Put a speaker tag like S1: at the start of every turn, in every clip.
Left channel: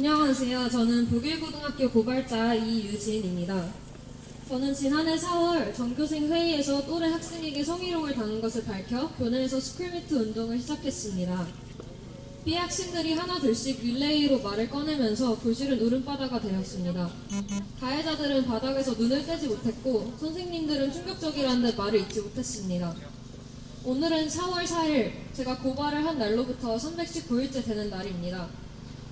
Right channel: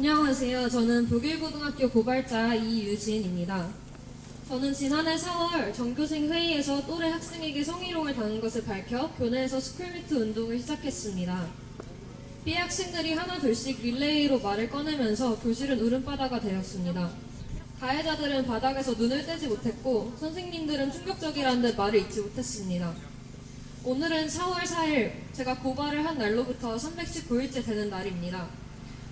S1: 안녕하세요. 저는 북일고등학교 고발자 이유진입니다. 저는 지난해 4월 전교생 회의에서 또래 학생에게 성희롱을 당한 것을 밝혀 교내에서 스쿨미트 운동을 시작했습니다. B 학생들이 하나 둘씩 릴레이로 말을 꺼내면서 교실은 울음바다가 되었습니다. 가해자들은 바닥에서 눈을 떼지 못했고 선생님들은 충격적이라는 듯 말을 잇지 못했습니다. 오늘은 4월 4일 제가 고발을 한 날로부터 319일째 되는 날입니다.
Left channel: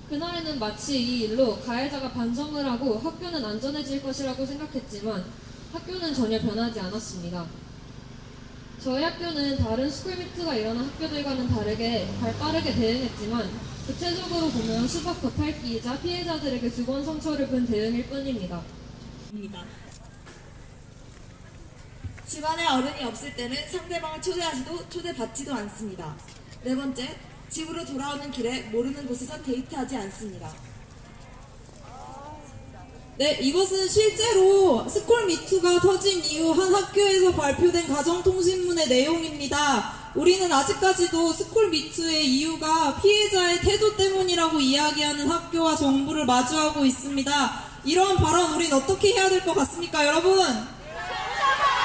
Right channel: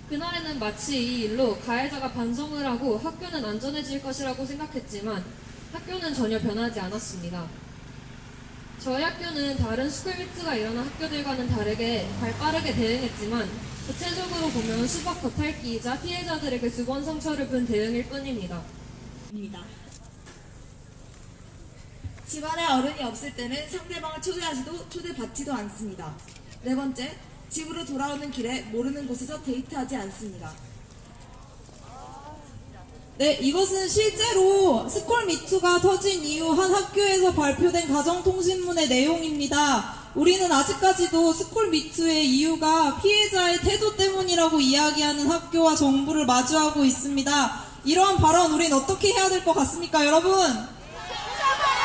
S1: 그날에는 마치 이 일로 가해자가 반성을 하고 학교는 안전해질 것이라고 생각했지만 학교는 전혀 변하지 않았습니다. 저희 학교는 다른 스쿨미트가 일어난 학교들과는 다르게 발 빠르게 대응했지만 구체적으로 보면 수박 겉핥기이자 피해자들에게 두 번 상처를 준 대응일 뿐입니다.
S2: 입니다. 집안에 어른이 없을 때는 상대방을 초대하지도 초대받지도 않습니다. 네 번째, 집으로 돌아오는 길에 모르는 곳에서 데이트하지 않습니다.
S3: 네, 이것은 실제로 스쿨미투가 터진 이후 한 학교에서 발표된 가정통신문의 내용입니다. 우리는 아직까지도 스쿨미투의 이유가 피해자의 태도 때문이라고 이야기하는 학교와 정부를 마주하고 있습니다. 이러한 발언 우린 어떻게 해야 될 것 같습니까, 여러분?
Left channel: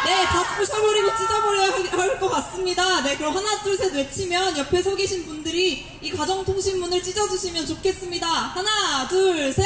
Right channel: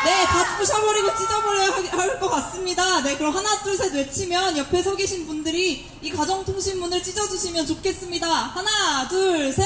S3: 네, 다 부셔버리고 찢어버려야 할 것 같습니다. 네, 그럼 하나, 둘, 셋 외치면 옆에 서 계신 분들이 이 가정통신문을 찢어주시면 좋겠습니다. 하나, 둘, 셋.